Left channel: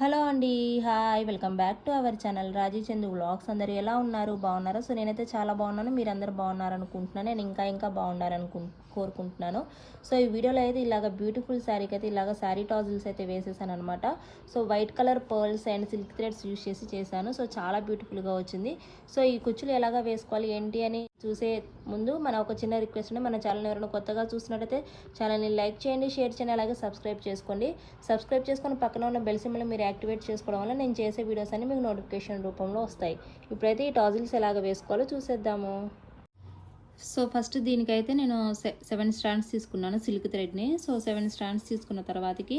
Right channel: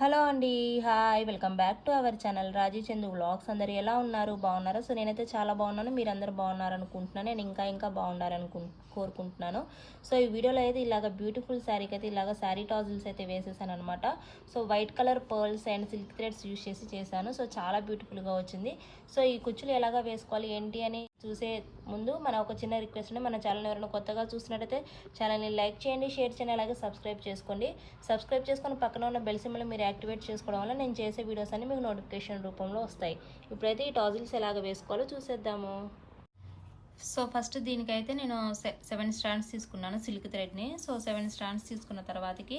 Hello అండి hi welcome back to our channel Raji Chandu vlogs. అందరు ఎలా ఉన్నారు? బాగున్నారా? సో నేనైతే చాలా బాగున్నాను. మీరు అందరు నేను ఇంకా ఇంకా బాగున్నారనుకుంటున్నాను కోరుకుంటున్నాను. సో ఈ వీడియోలో అయితే ఇలాగ బ్యూటిఫుల్ శారీకి అయితే ఇలాగ శారీ టాజిల్స్ అయితే వేసేసాను అనమాట so white colour pearls and silk threads use చేసి చేశాను. సో చాలా బ్యూటిఫుల్గా వచ్చింది. సో ఈ కుచ్చులు ఎలాగ వేసుకోవాలి ఏంటి అని చూసే ముందు మన ఒక చిన్న రిక్వెస్ట్ ఉంది మన ఛానల్ ఎవరైనా కొత్తగా చూసినట్టయితే ఛానల్ని లైక్ చేయండి షేర్ చేయండి అలాగే సబ్స్క్రైబ్ చేసుకోండి. సబ్స్క్రైబ్ చేసుకొని పక్కన ఉన్న బెల్ మీరు యాక్టివేట్ చేసుకోవడం వల్ల నేను చేసే వీడియోస్ అన్ని మీకు నోటిఫికేషన్ రూపంలో వస్తాయి. ఇప్పుడైతే ఈ టాజిల్స్ ఎలాగ వేసుకోవాలో చూసేద్దాము. సో ఫస్ట్ దీనికైతే నేను సెవెన్ స్టాండ్స్ తీసుకున్నాను సిల్క్ థ్రెడ్ని. సో సెవెన్ స్టాండ్స్ తీసుకున్న తర్వాతకి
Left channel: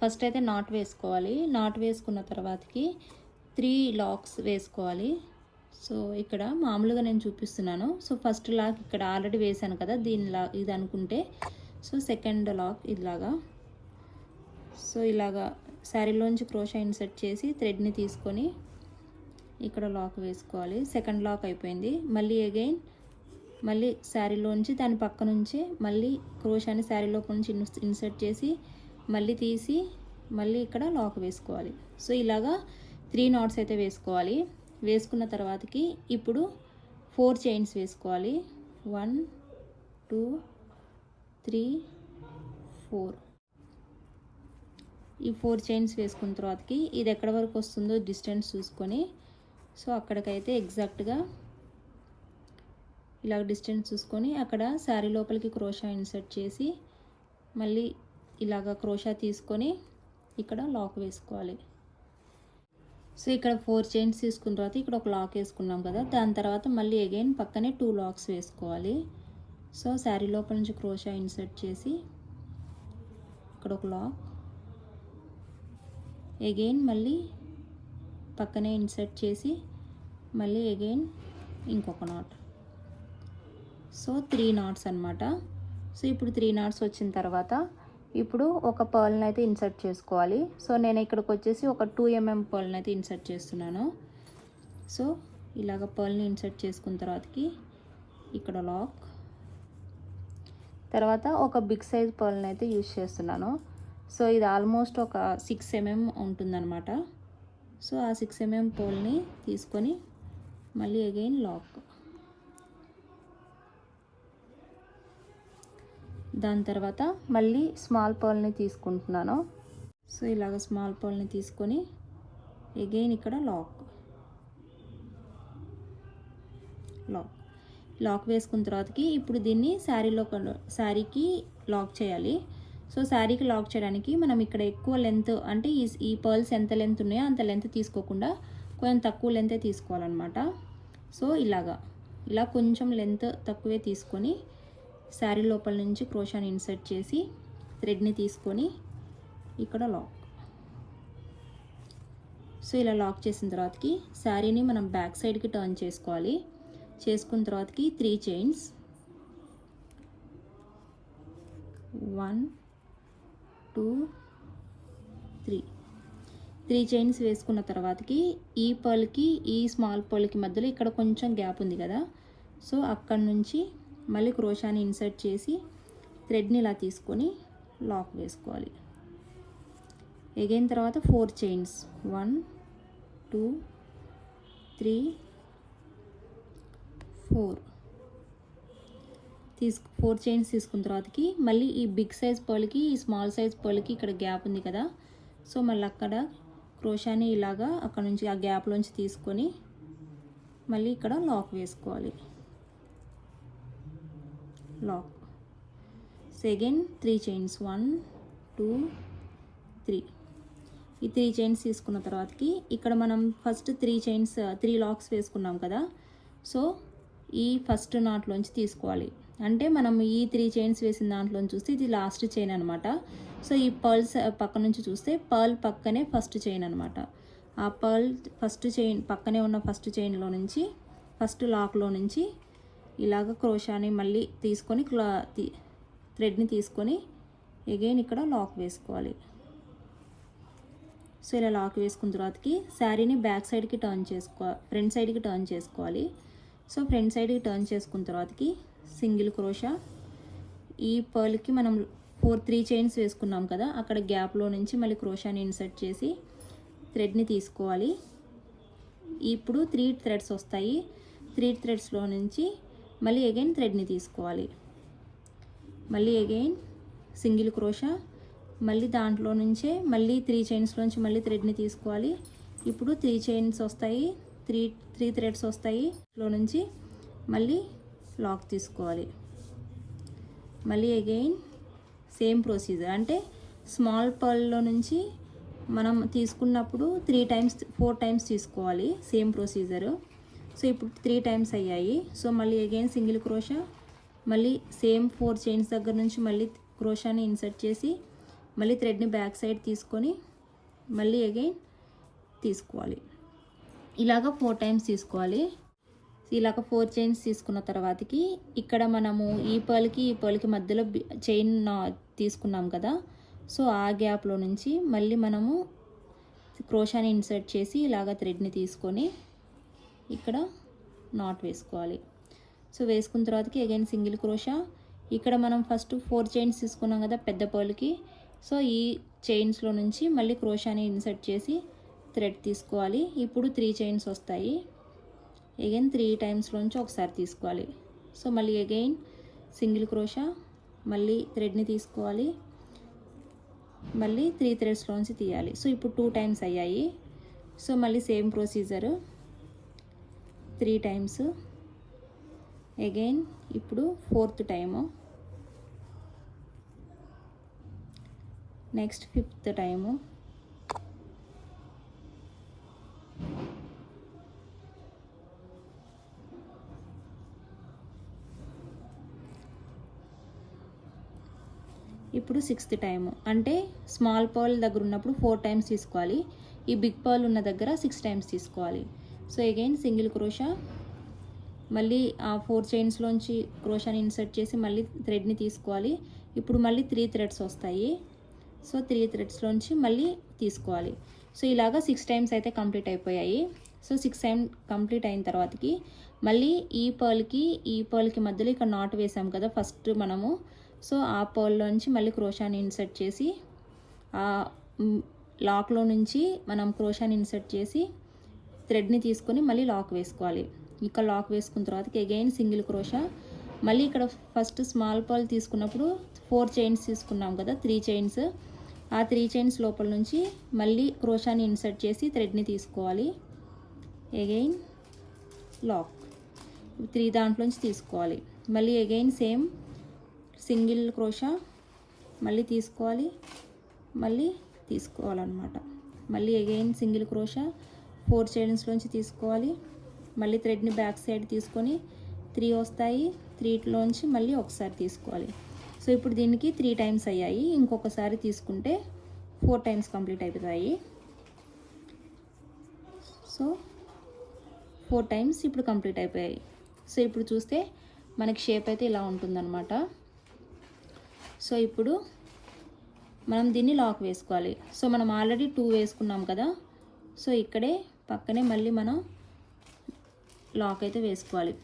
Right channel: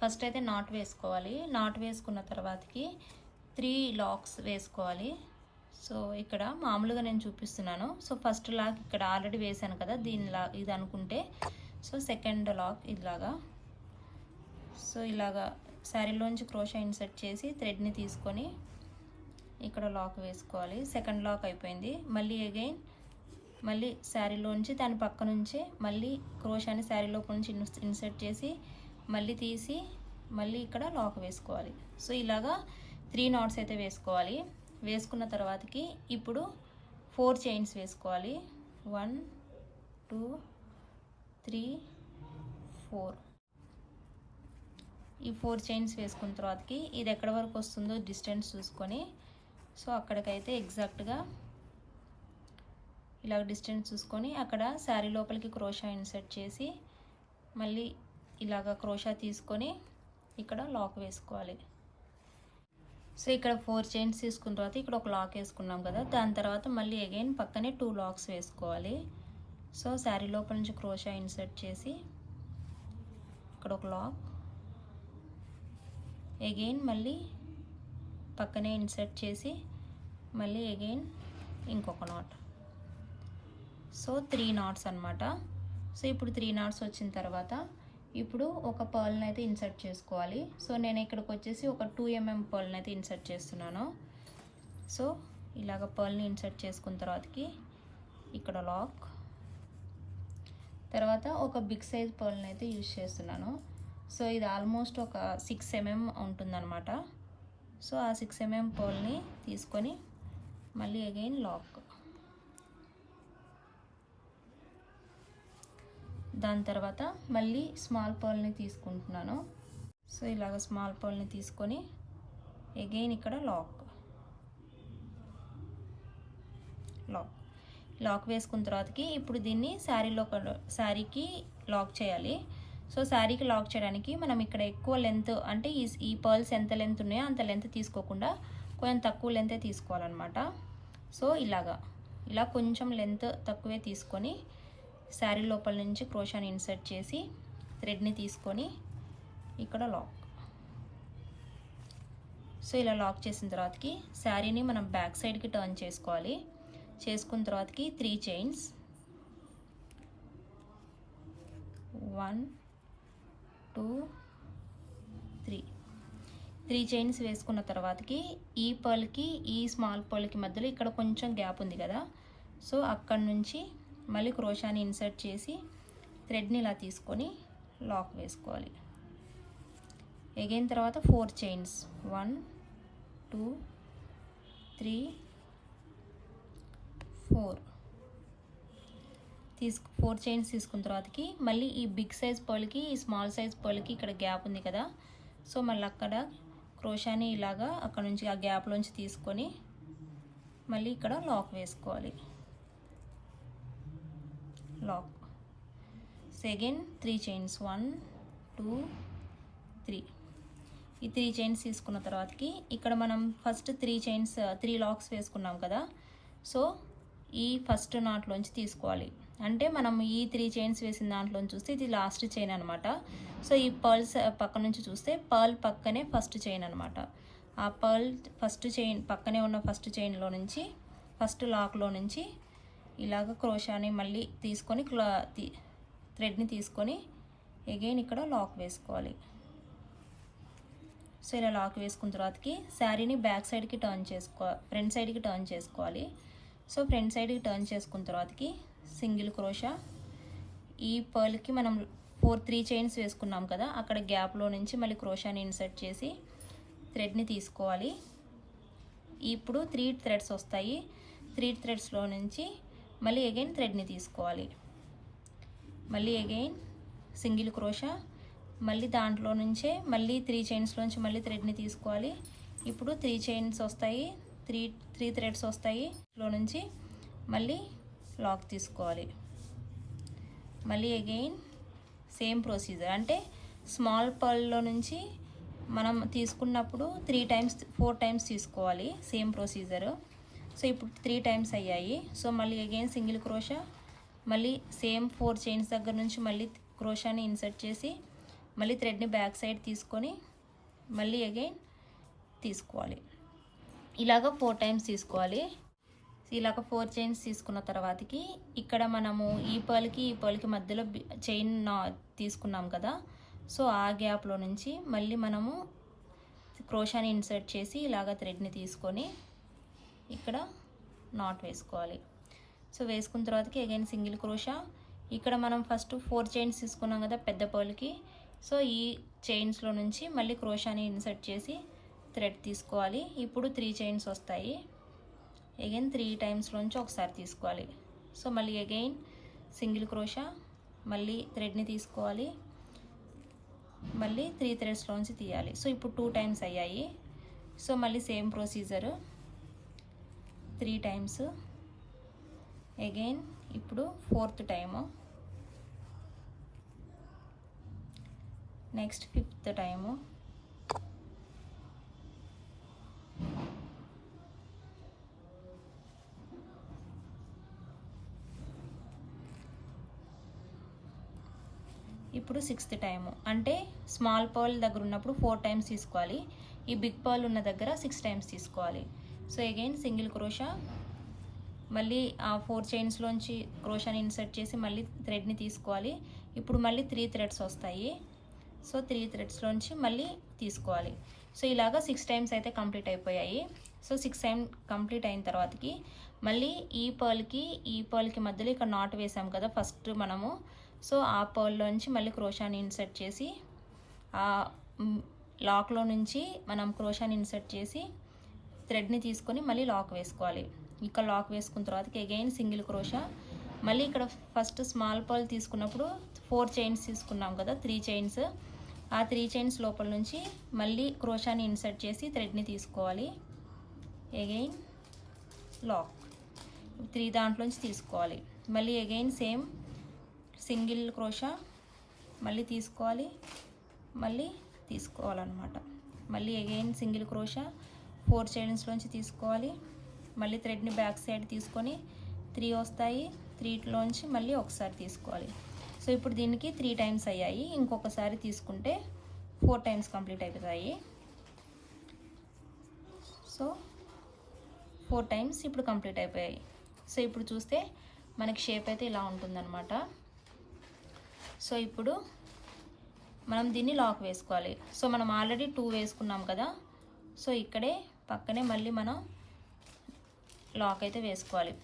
ఫస్ట్ అయితే నాట్ వేసుకోవాలి. నాట్ వేసుకున్న తర్వాతకి త్రీ లాక్స్ వేసుకోవాలి. సో ఇక్కడ మామూలుగా నేను చూపిస్తున్నాను. సో ఫస్ట్ లాక్ ఇక్కడ ఆల్రెడీ వేసాను కదా దీని లా ఇది అనుకుంటే. సో సెకండ్ లాక్ ఇలాగా. సో ఇలాగా శారీలోంచి క్రోషా ఇన్సర్ట్ చేసి థ్రెడ్ని తీసుకొని ఇక్కడ లాక్ వేసుకోవాలి. సెకండ్ లాక్ అయిపోయింది. మళ్ళీ అగైన్ మళ్ళీ శారీలోంచి దాని పక్క నుంచి మళ్ళీ క్రోషాని శారీ లోపల నుంచి ఇన్సర్ట్ చేసి మళ్ళీ తీసి మళ్ళీ ఇక్కడ లాక్ వేసుకోవాలి. సో ఇలాగా త్రీ నాట్స్ అయితే వేసుకోవాలి. వేసుకున్న తర్వాతకి ఇప్పుడు ఫోర్ చైన్స్ వేసుకోవాలి. One two three four. ఈ ఫోర్ చైన్స్ వేసుకున్న తర్వాతకి ఇది ఎక్కడి వరకు వస్తుందో డిస్టెన్స్ చూసుకొని సో అక్కడికైతే ఎగ్జాక్ట్గా ఇలా డిస్టెన్స్ చూసుకొని అక్కడ శారీ లోపలికి క్రోషా ఇన్సర్ట్ చేసి మళ్ళీ ఇలాగ క్రోషా తీసుకొని ఇక్కడ లాక్ వేసుకోవాలి. సో ఇక్కడ ఫోర్ చైన్స్ తీసుకున్న తర్వాత ఇక్కడ ఒక లాక్ వేసుకున్నాం కదా దాని తర్వాత మళ్ళీ అగైన్ పక్కనే టూ లాక్స్ వేసుకోవాలి. సో శారీ లోపల నుంచి క్రోషా ఇన్సర్ట్ చేసి ఇక్కడ ఒక లాక్. అగైన్ మళ్ళీ పక్కనే ఇన్సర్ట్ చేసి మళ్ళీ అగైన్ ఇంకొక నాట్. సో త్రీ నాట్స్ అనమాట సో ఇప్పుడు త్రీ నాట్స్ వచ్చిన తర్వాత ఇప్పుడు ఒక పర్ల్ని అయితే ఇన్సర్ట్ చేసుకోవాలి. సో నేను ఇక్కడికి వచ్చేసి ఒక టూ ఎంఎం పర్ల్ని అయితే ఇన్సర్ట్ చేస్తున్నాను. సో ఇలాగ పర్ల్ని ఇన్సర్ట్ చేసుకున్న తర్వాతకి ఇక్కడ లాక్. తర్వాత ఒక బిగ్ సైజ్ పర్ల్ని అయితే యూజ్ చేస్తున్నాను. సో ఇది ఆల్మోస్ట్ ఒక సిక్స్ ఎంఎం ఉంటుందన్నమాట. సో ఆ సిక్స్ ఎంఎం పర్ల్ని తీసుకొని మళ్ళీ అగైన్ లాక్. దాని తర్వాత మళ్ళీ స్మాల్ పర్ల్ని తీసుకుంటున్నాను. సో ఇలాగ స్మాల్ పర్ల్ని తీసుకొని అగైన్ ఇక్కడ లాక్ లాక్ లాక్ వేసుకున్న తర్వాతకి ఇప్పుడు దీన్ని శారీలో శారీకి లాక్ చేయాలి. సో శారీకి లాక్ చేయడానికి మనం ఇక్కడ ఎక్కువ లెంత్ అంటే ఈ ఈ పర్ల్స్ ఎంత లెంత్ ఉన్నాయో అంత లెంత్ తీసుకోకుండా కొంచెం తక్కువ లెంతే తీసుకోవాలన్నమాట. సో ఇలాగా. ఇలా కొంచెం లెంత్ తక్కువే తీసుకొని శారీ లోపల నుంచి క్రోషాని ఇన్సర్ట్ చేసి థ్రెడ్ని తీసుకొని ఇక్కడ లాక్. సో ఇలా లాక్ చేసిన తర్వాతకి శారీని మనం బ్యాక్ సైడ్కి టర్న్ చేసుకోవాలి. చేసుకున్న తర్వాతకి three chains. One two three. Three chains వేసుకున్న తర్వాతకి ఈ పర్ల్కి ఈ స్మాల్ పర్ల్కి మధ్యలో ఇక్కడ కొంచెం గ్యాప్ ఉంది కదా. సో అక్కడ నుంచి మళ్ళీ క్రోషాని ఇన్సర్ట్ చేసి థ్రెడ్ని ఇలా తీసుకొని లాక్ వేసుకోవాలి. ఎగైన్ తర్వాత four chains. One two three four. తీసుకు ఫోర్ చైన్స్ తీసుకున్న తర్వాతకి మళ్ళీ ఈ బిగ్ సైజ్ పర్ల్కి ఈ స్మాల్ సైజ్ పర్ల్కి ఇక్కడ గ్యాప్ ఉంది కదా. సో మళ్ళీ అక్కడ క్రోషాని ఇలాగా అక్కడ నుంచి ఆ గ్యాప్లోంచి తీసుకొని మళ్ళీ ఇక్కడ లాక్ వేసుకోవాలి. Lock second three chains one two three ఈ త్రీ చైన్స్ తీసుకున్న తర్వాతకి ఇక్కడ మనం first three chains three locks వేసుకున్నాం కదా. సో ఈ ఫస్ట్ నాట్లోంచి తీసుకోవాలి. అంటే మనం ఈ త్రీ చైన్స్ వేసిన దాంట్లోంచి చూస్తే ఇది లాస్ట్ చైన్ అనమాట సో ఈ పర్ల్స్ uh, పక్క నుంచి చూస్తే పర్ల్ పక్కనే ఫస్ట్ చైన్ అనమాట ఆ పర్ల్ ఫస్ట్ చైన్ పక్కనే ఉన్న ఫస్ట్ చైన్లో నుంచి ఫస్ట్ లాక్లో నుంచి ఇలాగ క్రోషాని మళ్ళీ తీసుకొని క్లా తీ- థ్రెడ్ని తీసుకొని ఎగైన్ ఇక్కడ లాక్ వేసుకోవాలి. సో ఇలా లాక్ వేసుకున్న తర్వాతకి శారీని బ్యాక్ సైడ్కి టర్న్ చేసుకో ఫ్రంట్ సైడ్కి టర్న్ చేసుకోవాలి. సో ఫ్రంట్ సైడ్కి టర్న్ చేసుకున్న తర్వాతకి సింగిల్ క్రోషా ఈ పర్ల్కి మనం ఫోర్ త్రీ చైన్స్ వేసుకున్నాం కదా అక్కడ గ్యాప్లో నుంచి మళ్ళీ క్రోషాని ఇన్సర్ట్ చేసి థ్రెడ్ని తీసుకోవాలి. ఇప్పుడు త్రీ థ్రెడ్స్ వస్తాయి. త్రీ థ్రెడ్స్లో నుంచి మళ్ళీ అగైన్ థ్రెడ్ని తీసుకోవాలి. మళ్ళీ అగైన్ సింగిల్ క్రోషా మళ్ళీ దాంట్లో నుంచే మళ్ళీ త్రీ చైన్స్లోంచి మళ్ళీ థ్రెడ్ని తీసుకోవాలి. ఇప్పుడు త్రీ చైన్స్ వస్తాయి త్రీ త్రీ థ్రెడ్స్ వస్తాయి లో నుంచి మళ్ళీ లాక్ తీసుకోవాలి. మళ్ళీ అగైన్ సేమ్ ప్రొసీజర్ అంటే స్మాల్ పర్ల్లో నుంచి మనం తీసుకున్నప్పుడు త్రీ టైమ్స్ ఫోర్ టైమ్స్ తీసుకోవాలి సేమ్ ప్రొసీజర్ సో ఇప్పుడు త్రీ టైమ్స్ అయ్యాయి. సో మళ్ళీ అగైన్ సింగిల్ క్రోషా మళ్ళీ సేమ్ ఫోర్ చైన్స్ దగ్గర నుంచి మళ్ళీ క్రోషాని ఇన్సర్ట్ చేసి మళ్ళీ థ్రెడ్ని బ్యాక్ సైడ్ తీసుకొని మళ్ళీ అగైన్ తీసుకోవాలి. ఇలాగ ఫోర్ టైమ్స్ తీసుకోవాలి. ఇలాగ ఫోర్ చైన్స్ తీసుకున్న తర్వాతకి ఇక్కడ మనము ఈ పర్ల్కి ఈ పర్ల్కి మధ్యలో చైన్ తీసుకున్నాం కదా. సో ఆ గ్యాప్లో నుంచి మళ్ళీ మనము క్రోషాని ఇన్సర్ట్ చేసి ఇలాగ థ్రెడ్ని తీసుకొని ఇక్కడ నాట్ వేసుకోవాలి. సో వేసుకున్న తర్వాతకి అగైన్ సింగిల్ క్రోషా. ఇక్కడ మనం ఫస్ట్ ఫోర్ చైన్స్ తీసుకున్నాం కదా పెద్ద పర్ల్కి సో ఈ చైన్స్లో నుంచి మళ్ళీ క్రోషాని ఇన్సర్ట్ చేసి థ్రెడ్ తీసుకోవాలి. ఇప్పుడు త్రీ చైన్స్ వస్తాయి. అగైన్ త్రీ టైమ్స్లోంచి ఒకసారి తీసుకోవాలి. సో మళ్ళీ అగైన్ సింగిల్ క్రోషా మళ్ళీ థ్రెడ్ని తీసుకోవాలి. మళ్ళీ త్రీ థ్రెడ్స్లోంచి తీయాలి. సో ఇప్పుడు టూ టైమ్స్ అయ్యాయి. సో మళ్ళీ same procedure three times. Again ఇప్పుడు fourth time. Next fifth time. ఇప్పుడు సిక్స్త్ టైము. అంటే స్మాల్ పర్ల్ దగ్గర ఉన్నప్పుడు ఫోర్ టైమ్స్ తీసుకోవాలి. ఈ బిగ్ పర్ల్ ఉన్న దగ్గర సిక్స్ టైమ్స్ తీసుకోవాలి. సో అగైన్ సింగిల్ క్రోషా మళ్ళీ ఆ ఫోర్ చైన్స్లోంచి క్రోషాని ఇన్సర్ట్ చేసి మళ్ళీ థ్రెడ్ని తీసుకోవాలి. ఇప్పుడు మళ్ళీ త్రీ థ్రెడ్స్ వస్తాయి. సో త్రీ థ్రెడ్స్లోంచి మళ్ళీ తీసుకోవాలి. సో ఇలాగా సిక్స్ టైమ్స్ అయితే కంప్లీట్ అయిపోయాయి. సో సిక్స్ టైం కంప్లీట్ అయిన తర్వాతకి మళ్ళీ ఈ పర్ల్కి ఈ పర్ల్కి మధ్యలో ఇక్కడ నాట్ వేసాం కదా ఫస్ట్ మనము. సో ఆ పర్ల్లోంచి మళ్ళీ క్రోషాని ఇన్సర్ట్ చేసి ఆ లాక్లో నుంచి మనం క్రోషాని ఇన్సర్ట్ చేసి థ్రెడ్ని తీసుకొని మళ్ళీ లాక్ వేసుకోవాలి. ఇక్కడ లాక్ వేసుకున్న తర్వాత అగైన్ సింగిల్ క్రోషా. మళ్ళీ ఇక్కడ ఫస్ట్ స్మాల్ పాల్ తీసుకున్నప్పుడు ఫోర్ చైన్స్ తీసుకున్నాం కదా త్రీ చైన్స్. ఆ త్రీ చైన్స్ లోపల నుంచి మళ్ళీ క్రోషాని ఇన్సర్ట్ చేసి థ్రెడ్ని తీసుకోవాలి. అగైన్ లాక్ త్రీ దాంట్లోంచి తీసుకోవాలి. మళ్ళీ అగైన్ సేమ్ సింగిల్ క్రోషా. మళ్ళీ తీసుకోవాలి. మళ్ళీ తీసుకోవాలన్నమాట. మళ్ళీ అగైన్ సింగిల్ క్రోషా. ఫోర్ చైన్స్లోంచి తీసుకోవాలి. మళ్ళీ థ్రెడ్ని బ్యాక్ సైడ్ తీసుకొని త్రీ వస్తాయి. త్రీలోంచి మళ్ళీ ఒకసారి తీసుకోవాలి. సో ఇప్పుడు దీనికి త్రీ టైమ్స్ అయ్యాయి. ఇంకొకసారి తీసుకుంటే ఫోర్ టైమ్స్ కంప్లీట్ అవుతాయి సో ఫోర్ టైమ్స్ ఇప్పుడు కంప్లీట్ అయిపోయాయి. సో ఇప్పుడు చూస్తే మనకి షేప్ అయితే ఇలా ఉంటుందన్నమాట. సో ఇప్పుడు మనం దీన్ని లాక్ వేసుకోవాలి. సో మనం ఆల్రెడీ టూ వేసుకున్నాం కదా. సో ఇక్కడే పక్కనే మళ్ళీ మనం లాక్ అయితే వేసుకోవాలి.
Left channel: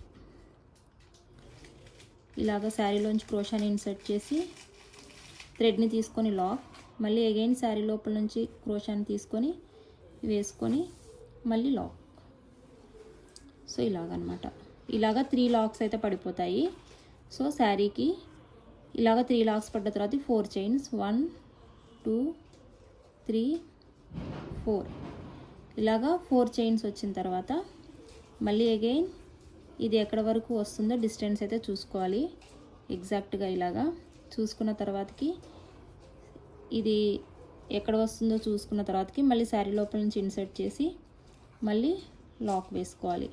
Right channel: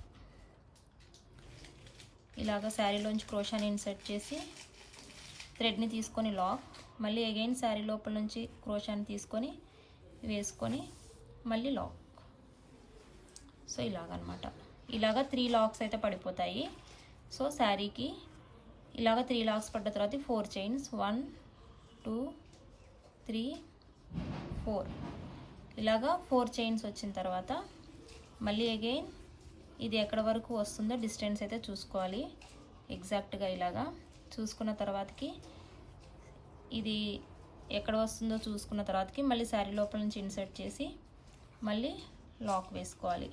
ఇలాగ శారీలోంచి క్రోషాని ఇన్సర్ట్ చేసి థ్రెడ్ని తీసుకొని లాక్. మళ్ళీ అగైన్ శారీ లోపల నుంచి క్రోషాని తీసుకొని వేసుకొని మళ్ళీ లాక్. సో ఇలాగనమాట. ఇలాగ త్రీ లాక్స్ అయితే పడిపోతాయి. సో శారీకి ఇలాగ త్రీ లాక్స్ పడ్డ తర్వాత four chains one two three four ఇలాగా ఫోర్ చైన్స్ వచ్చిన తర్వాత మళ్ళీ అగైన్ ఇది ఎక్కడ వరకు వస్తుందో డిస్టెన్స్ అయితే చూసుకోవాలి. ఎగ్జాక్ట్గా ఇలాగా చూసుకున్న తర్వాతకి ఇది ఎక్కడ వస్తుందో చూసుకున్న తర్వాతకి మళ్ళీ శారీ లోపల నుంచి ఇన్సర్ట్ చేసి మళ్ళీ లాక్ వేసుకోవాలి.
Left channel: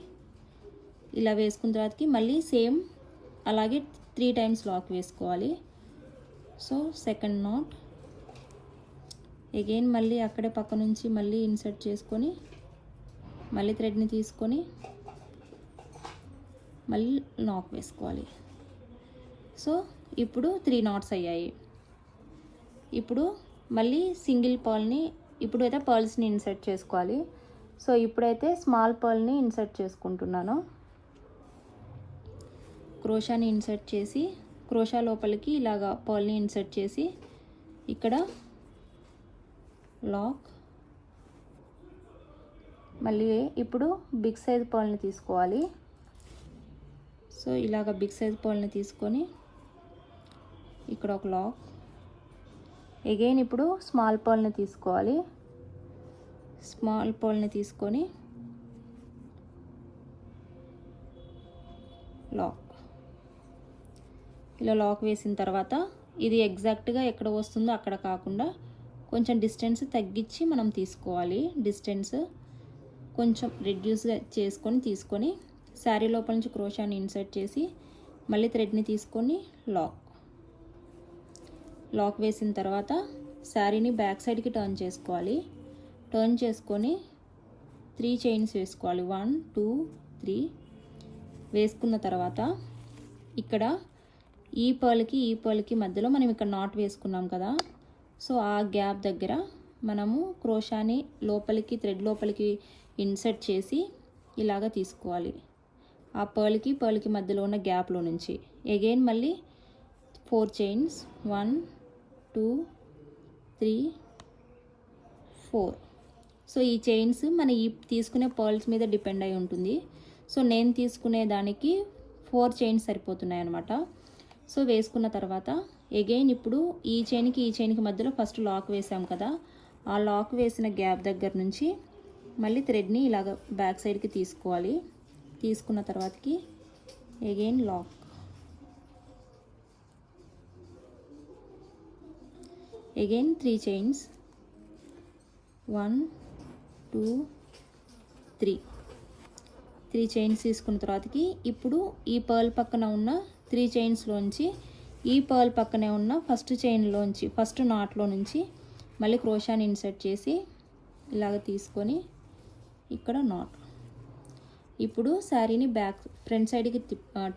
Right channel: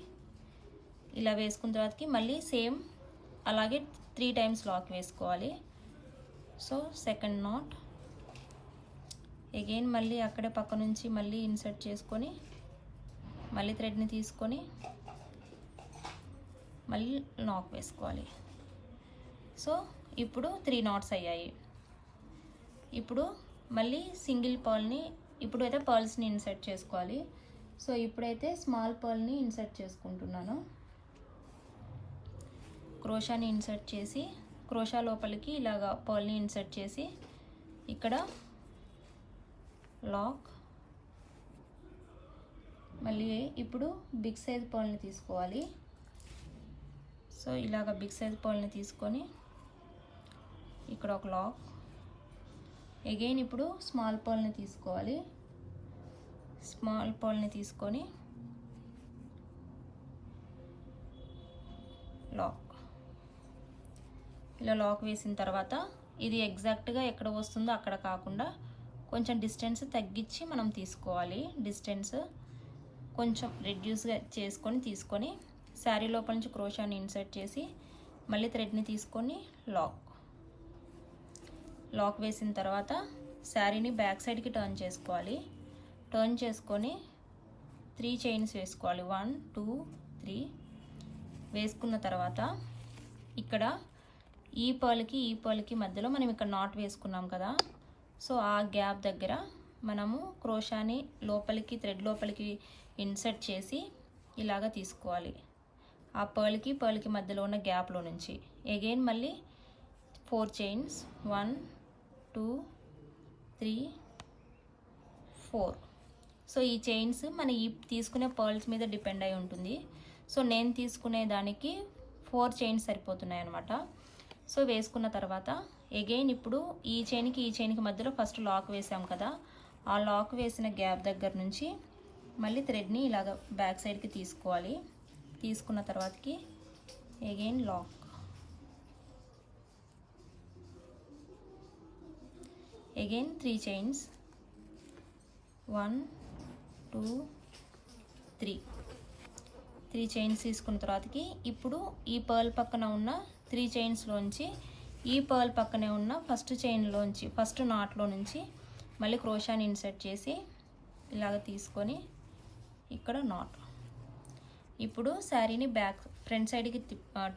ఇలా వేసుకున్న తర్వాతకి మళ్ళీ సేమ్ అలాగే త్రీ టైమ్స్ లాక్ వేసుకోవాలి. సో సెకండ్ నాట్ అగైన్ మళ్ళీ అక్కడే పక్క నుంచి మళ్ళీ ఇన్సర్ట్ చేసుకొని మళ్ళీ థ్రెడ్ని తీసుకొని మళ్ళీ నాక్ వేసుకోవాలి. సో ఇప్పుడు త్రీ నాట్స్ అయ్యాయి. ఇప్పుడు మళ్ళీ సింగిల్ పాల్ని ఇప్పుడు అయితే పర్ల్స్ని ఇన్సర్ట్ చేసుకోవాలి. సో ఇప్పుడైతే స్మాల్ పర్ల్ని ఇన్సర్ట్ చేసుకుంటున్నాను. క్రోషాని ఇన్సర్ట్ చేసి క్రోషా లోపలికి ఇలాగా పర్ల్ని ఇన్సర్ట్ చేసి ఇక్కడ లాక్. మళ్ళీ ఇప్పుడు బిగ్ సైజ్ పర్ల్ని తీసుకోవాలి. సో ఇలాగ బిగ్ సైజ్ పర్ల్ని తీసుకొని ఇక్కడ ఒక లాక్. ఎగైన్ ఇప్పుడు స్మాల్ పర్ల్ని తీసుకోవాలి. స్మాల్ పర్ల్ని తీసుకొని లాక్. ఇలా లాక్ వేసిన తర్వాత ఇది ఎగ్జాక్ట్గా ఎక్కడ వస్తుందో అక్కడ కాకుండా కొంచెం డిస్టెన్స్ తగ్గించి మనం తీసుకోవాలి. డిస్టెన్స్ కొంచెం రెడ్యూస్గా చేసుకొని తీసుకొని శారీ లోపల నుంచి క్రోషాన్ని ఇన్సర్ట్ చేసి మళ్ళీ థ్రెడ్ని తీసుకొని లాక్ లాక్ వేసిన తర్వాత శారీని బ్యాక్ సైడ్కి టర్న్ చేసుకోవాలి. టర్న్ చేసుకొని త్రీ చైన్స్ వేసుకోవాలి. వన్ టూ త్రీ వేసుకున్న తర్వాత ఇక్కడ ఈ పర్ల్కి ఈ పర్ల్కి మధ్యలో మనం ఇక్కడ నాట్ వేసుకున్నాం కదా. సో ఆ గ్యాప్ దగ్గర మనము క్రోషాని లోపలికి థ్రెడ్ లోపలికి ఇన్సర్ట్ చేసి ఇలాగ తీసుకోవాలి. ఆ పర్ల్కి పర్ల్కి మధ్యలో ఉన్న గ్యాప్లో నుంచి. ఎగైన్ మళ్ళీ four chains one two three four so ఈ చైన్స్ మన ఈ తీసుకునే పర్ల్స్ మీద డిపెండ్ అయి ఉంటుంది. సో నేను తీసుకునే దానికి ఫోర్ చైన్స్ సరిపోతున్నాయి అనమాట సో వేసుకున్న తర్వాత ఎగైన్ ఇప్పుడు ఈ చైన్కి ఈ చైన్కి మధ్యలో ఫస్ట్ లాక్ వేసాం కదా. ఆ లాక్ వేసిన గ్యాప్ దగ్గర నుంచి మళ్ళీ థ్రెడ్ని ఇలాగ బ్యాక్ సైడ్కి తీసుకోవాలి. తీసుకున్న తర్వాతకి again lock again three chains one two three three chains తీసుకున్న తర్వాతకి ఇప్పుడు ఈ పర్ల్ పక్కన ఉన్న త్రీ చైన్స్లోంచి ఈ పర్ల్ పక్కనే ఉన్న ఫస్ట్ చైన్లోంచి ఫస్ట్ నాట్లో నుంచి మళ్ళీ క్రోషాని ఇన్సర్ట్ చేసి ఇలాగ తీసుకొని ఇక్కడ నాట్ ఇప్పుడు శారీని బ్యాక్ ఫ్రంట్ సైడ్కి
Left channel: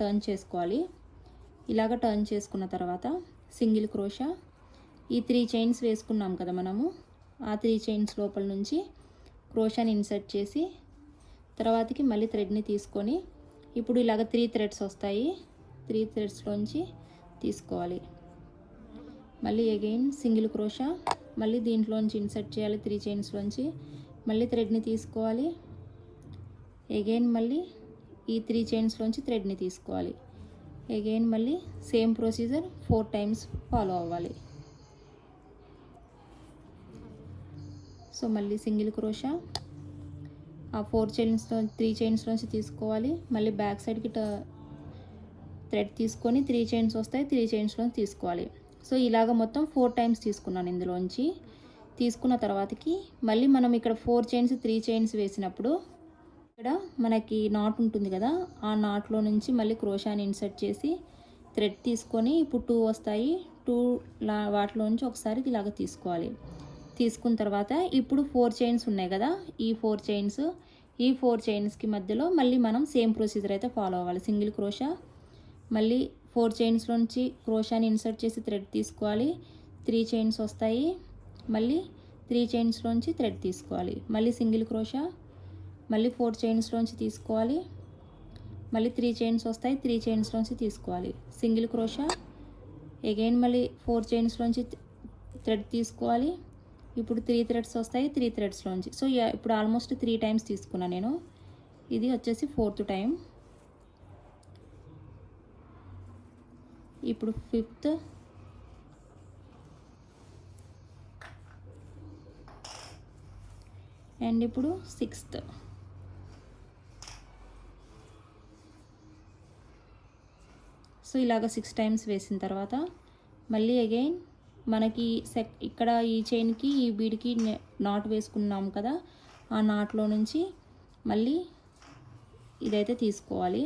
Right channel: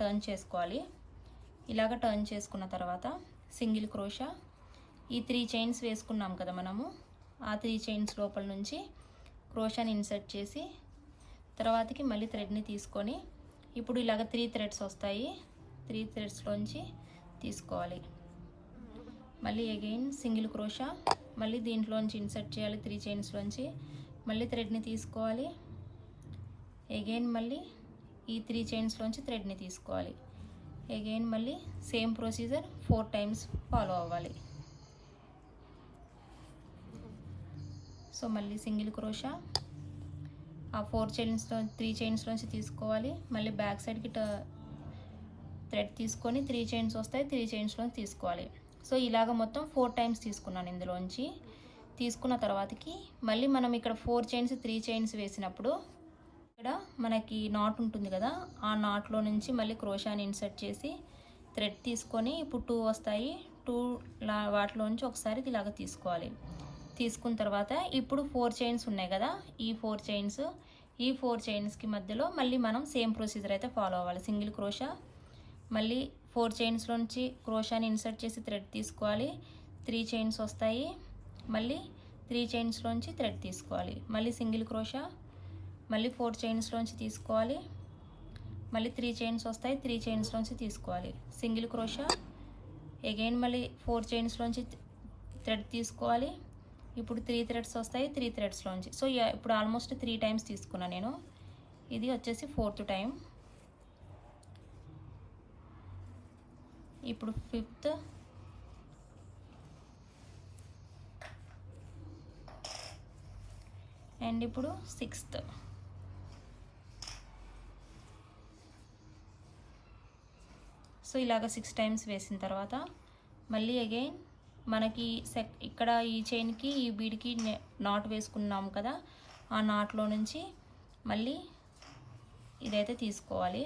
టర్న్ చేసుకోవాలి. ఇలాగ టర్న్ చేసుకున్న తర్వాత సింగిల్ క్రోషా ఈ త్రీ చైన్స్ వేసుకున్నాం కదా మనము ఆ త్రీ చైన్స్ లోపల నుంచి క్రోషాని ఇన్సర్ట్ చేసి తర్వాతకి మళ్ళీ థ్రెడ్ని తీసుకొని ఇప్పుడు ఇలాగ త్రీ థ్రెడ్స్ వస్తాయి. త్రీ థ్రెడ్స్లోంచి తీసుకోవాలి. మళ్ళీ అగైన్ సింగిల్ క్రోషా మళ్ళీ దీంట్లోంచి ఇన్సర్ట్ చేయాలి త్రీ చైన్స్లోంచి. మళ్ళీ థ్రెడ్ని తీసుకోవాలి. అగైన్ మళ్ళీ ఈ త్రీ చైన్స్లోంచి థ్రెడ్ని తీసుకోవాలి. అగైన్ మళ్ళీ same procedure four times follow అవ్వాలి. సో మళ్ళీ సింగిల్ క్రోషా ఆ ఫోర్ చైన్స్లో త్రీ చైన్స్లోంచి తీసుకోవాలి. మళ్ళీ బ్యాక్ సైడ్కి థ్రెడ్ తీసుకొని త్రీ చైన్స్ వస్తాయి త్రీ చైన్స్లో తీసుకోవాలి. సో ఇలాగ మొత్తం ఫోర్ టైమ్స్ తీసుకున్నాను ఇందులోంచి. తీసుకున్న తర్వాతకి మళ్ళీ మనం ఇక్కడ ఫోర్ చైన్స్ త్రీ చైన్స్ వేసినప్పుడు ఇక్కడ మనకి నాట్ ఉంటుంది కదా ఆ నాట్లో నుంచి మళ్ళీ క్రోషాని ఇన్సర్ట్ చేసి థ్రెడ్ తీసుకొని ఇప్పుడు టూ వస్తాయి. టూ లా వాటిలో నుంచి ఒకసారి ఇలాగ తీసుకోవాలి. తీసుకున్న తర్వాత ఇప్పుడు ఫోర్ చైన్స్ ఉన్నాయి కదా ఈ ఫోర్ చైన్స్ ఈ ఫోర్ చైన్స్కి మధ్యలో మళ్ళీ మనం సేమ్ ప్రొసీజర్ అయితే ఫాలో అవ్వాలి. సింగిల్ క్రోషా మళ్ళీ ఫోర్ చైన్స్లోంచి క్రోషాని ఇన్సర్ట్ చేసి థ్రెడ్ తీసుకోవాలి. త్రీ చైన్స్ వస్తాయి. మళ్ళీ త్రీ చైన్స్లోంచి థ్రెడ్ తీసుకోవాలి. మళ్ళీ సింగిల్ క్రోషా. మళ్ళీ ఫోర్ చైన్స్లోంచి తీసుకోవాలి. మళ్ళీ త్రీ చైన్స్ వస్తాయి. త్రీ చైన్స్లోంచి తీసుకోవాలి. Single crochet. అగైన్ మళ్ళీ ఫోర్ చైన్స్లోంచి థ్రెడ్ తీసుకోవాలి. ఇప్పుడు త్రీ థ్రెడ్స్ వస్తాయి. త్రీ థ్రెడ్స్లోంచి సో ఇప్పుడు ఆల్మోస్ట్ త్రీ టైమ్స్ తీసుకున్నాను నేను. ఇది వచ్చేసి ఫోర్త్ టైం ఇప్పుడు ఫిఫ్త్ అండ్ ఇప్పుడు సిక్స్త్ సో ఇలాగ సిక్స్ టైమ్స్ వేసిన తర్వాత మళ్ళీ అగైన్ మనకి సెక్ ఇక్కడ ఈ చైన్కి ఈ బీడ్కి నాట్ వేసుకున్నాం కదా ఆ నాట్లో నుంచి మళ్ళీ ఇదైతే తీసుకోవాలి.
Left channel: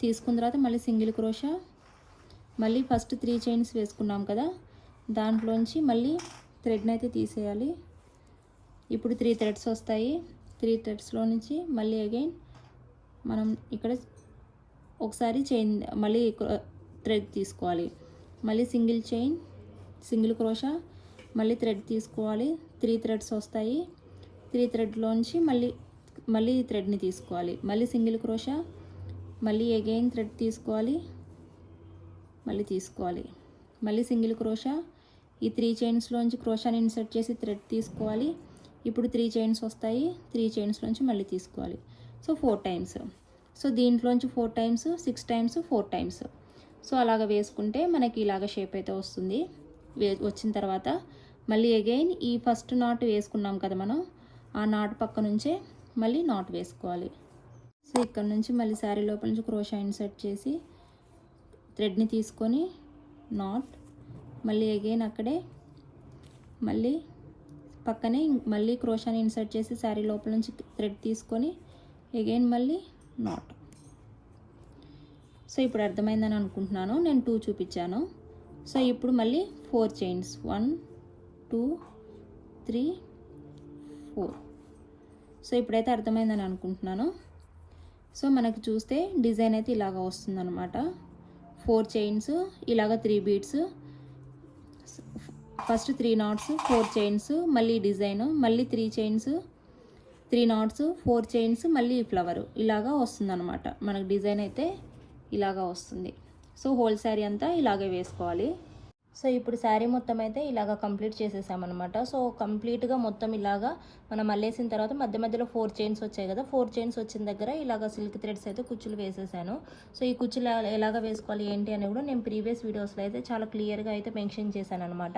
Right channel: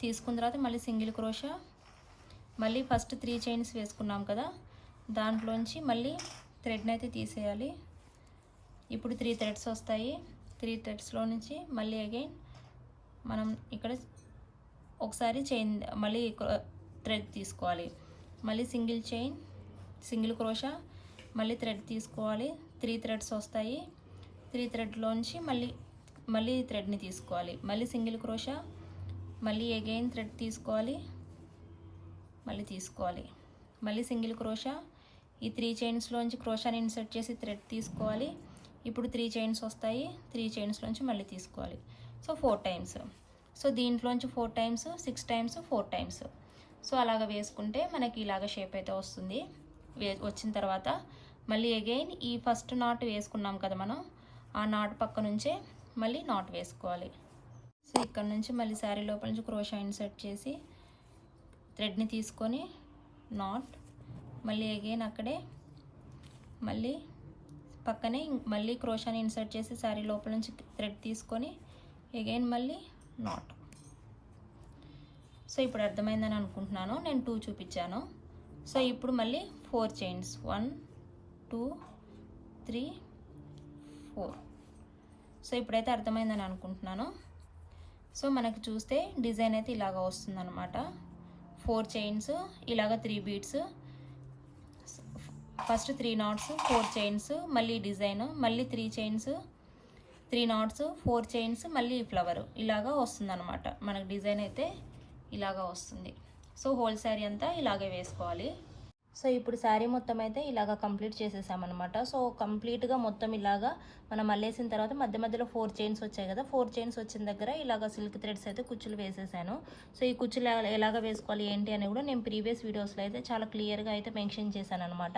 తీసుకున్న తర్వాత మళ్ళీ సింగిల్ క్రోషా మళ్ళీ ఫస్ట్ త్రీ చైన్స్ వేసుకున్నాం కదా దాంట్లోంచి మళ్ళీ థ్రెడ్ని అయితే తీసేయాలి. ఇప్పుడు త్రీ థ్రెడ్స్ వస్తాయి. త్రీ థ్రెడ్స్లో నుంచి మళ్ళీ అగైన్ మనం ఇక్కడ ఒకసారి చైన్ మళ్ళీ థ్రెడ్ తీసుకోవాలి. మళ్ళీ సింగిల్ చైన్ సింగిల్ క్రోషా మళ్ళీ థ్రెడ్ తీసుకోవాలి. త్రీ థ్రెడ్స్ వస్తాయి. త్రీ థ్రెడ్లోంచి మళ్ళీ మళ్ళీ థ్రెడ్ని తీసుకోవాలి. మళ్ళీ సింగిల్ క్రోషా మళ్ళీ అగైన్ థ్రెడ్ తీసుకోవాలి. మళ్ళీ తీసుకోవాలి. మళ్ళీ సింగిల్ క్రోషా ఈ త్రీ చైన్స్లోంచి క్రోషాని ఇన్సర్ట్ చేసి థ్రెడ్ తీసుకోవాలి. ఇప్పుడు త్రీ చైన్స్ వస్తాయి. త్రీ చైన్స్లోంచి మళ్ళీ తీసుకోవాలి. So four times. సో దీంట్లోంచి four times six times four times. So అలాగ వేసుకుంటే మనకి ఇలాగ షేప్ అయితే వస్తుంది. వే వచ్చిన తర్వాత మళ్ళీ అగైన్ ఈ ఫస్ట్ నాట్ వేసుకున్నాం కదా మనం ఆ నాట్ పక్క నుంచే మళ్ళీ నాట్ వేసుకోవాలి. సో ఇక్కడ నుంచి మళ్ళీ శారీ లోపల నుంచి క్రోషా ఇన్సర్ట్ చేసి థ్రెడ్ని తీసుకొని నాట్ మళ్ళీ అగైన్ అక్కడే మళ్ళీ పక్కనే మళ్ళీ క్రోషాని ఇన్సర్ట్ చేసి శారీ లోపల నుంచి థ్రెడ్ తీసుకొని అగైన్ మళ్ళీ నాట్. సో ఇప్పుడు అర్థమైందని అనుకుంటున్నాను నేను టూ చూపించాను. సో ఇప్పుడు మళ్ళీ four chains. One two three four. So ఇప్పుడైతే అర్థమైందని అనుకుంటున్నాను. సో మనకు చూస్తే డిజైన్ అయితే ఇలాగ వస్తుందన్నమాట. ఫోర్ చైన్స్ ఇలాగ three beads first three knots four chains మళ్ళీ డిజైన్ మళ్ళీ three chains three knots four chains మళ్ళీ ఫ్లవర్. ఇలాగా వస్తుందన్నమాట. మనకు డిజైన్ అయితే ఇలాగా వస్తుంది. సో హోల్ శారీ అంతా ఇలాగే వేసుకోవాలి. సో ఇప్పుడు శారీ మొత్తం అయితే ఇలాగ కంప్లీట్ చేసేసామన్నమాట. సో కంప్లీట్గా మొత్తం ఇలాగా మనం మళ్ళేసిన తర్వాత మధ్య మధ్యలో ఫోర్ చైన్స్ వచ్చాయి కదా ఫోర్ చైన్స్ వచ్చిన దగ్గర ఇలాగ సిల్క్ థ్రెడ్స్ అయితే కుచ్చులు వేసేసాను. సో ఈ కుచ్చులు ఎలాగ వేసుకోవాలి ఏంటి అని కూడా నేను ప్రీవియస్ వీడియోస్లో అయితే చాలా క్లియర్గా అయితే మెన్షన్ చేశాను అనమాట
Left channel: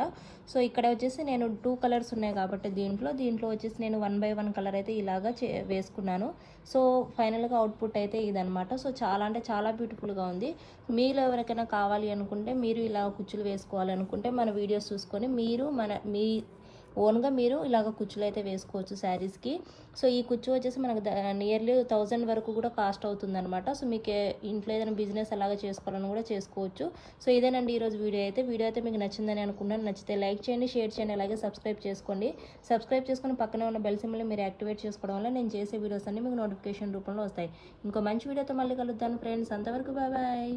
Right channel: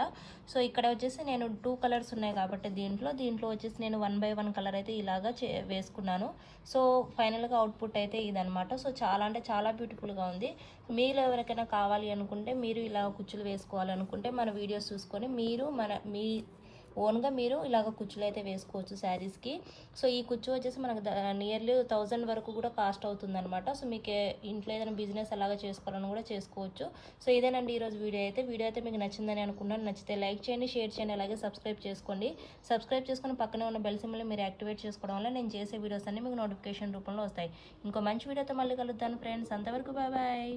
సో ఇక్కడ వచ్చేసి నేను టూ కలర్స్ ఉన్నాయి కాబట్టి దీంట్లో దీంట్లో వచ్చేసి నేను వన్ బై వన్ కలర్ అయితే ఇలాగా చే వేసుకున్నాను. సో ఫైనల్గా అవుట్పుట్ అయితే ఇదనమాట సో చాలా అంటే చాలా బ్యూటిఫుల్గా ఉంది. మీరు ఎవరికైనా కావాలి అనుకుంటే మీరు ఇలా కుచ్చులు వేసుకోవాలి అనుకుంటే మన వీడియోస్ చూసుకొని మీరు మన మీ ఓన్గా మీరు ఇలాగ కుచ్చులు అయితే వేసుకోవచ్చు శారీస్కి. సో ఈ కుచ్చు వచ్చేసి మనకు నియర్లీ థౌజండ్ వరకు కూడా కాస్ట్ అవుతుంది అనమాట సో మీకు ఇంట్లో ఏదైనా బిజినెస్ అలాగా చేసుకోవాలని కూడా చేసుకోవచ్చు. సో ఇదేనండి ఈరోజు వీడియో అయితే. వీడియో అయితే మీకు నచ్చిందని అనుకున్నాను నచ్చితే లైక్ చేయండి షేర్ చేయండి అలాగే సబ్స్క్రైబ్ చేసుకోండి. సబ్స్క్రైబ్ చేసుకుని పక్కనే ఉన్న బెల్ సింబల్ని మీరు యాక్టివేట్ చేసుకోవడం వల్ల నేను చేసే వీడియోస్ అన్ని మీకు నోటిఫికేషన్ రూపంలో వస్తాయి. ఇంకో మంచి వీడియోతో మళ్ళీ కలుద్దాను ఫ్రెండ్స్. అంతవరకు బాయ్ బాయ్.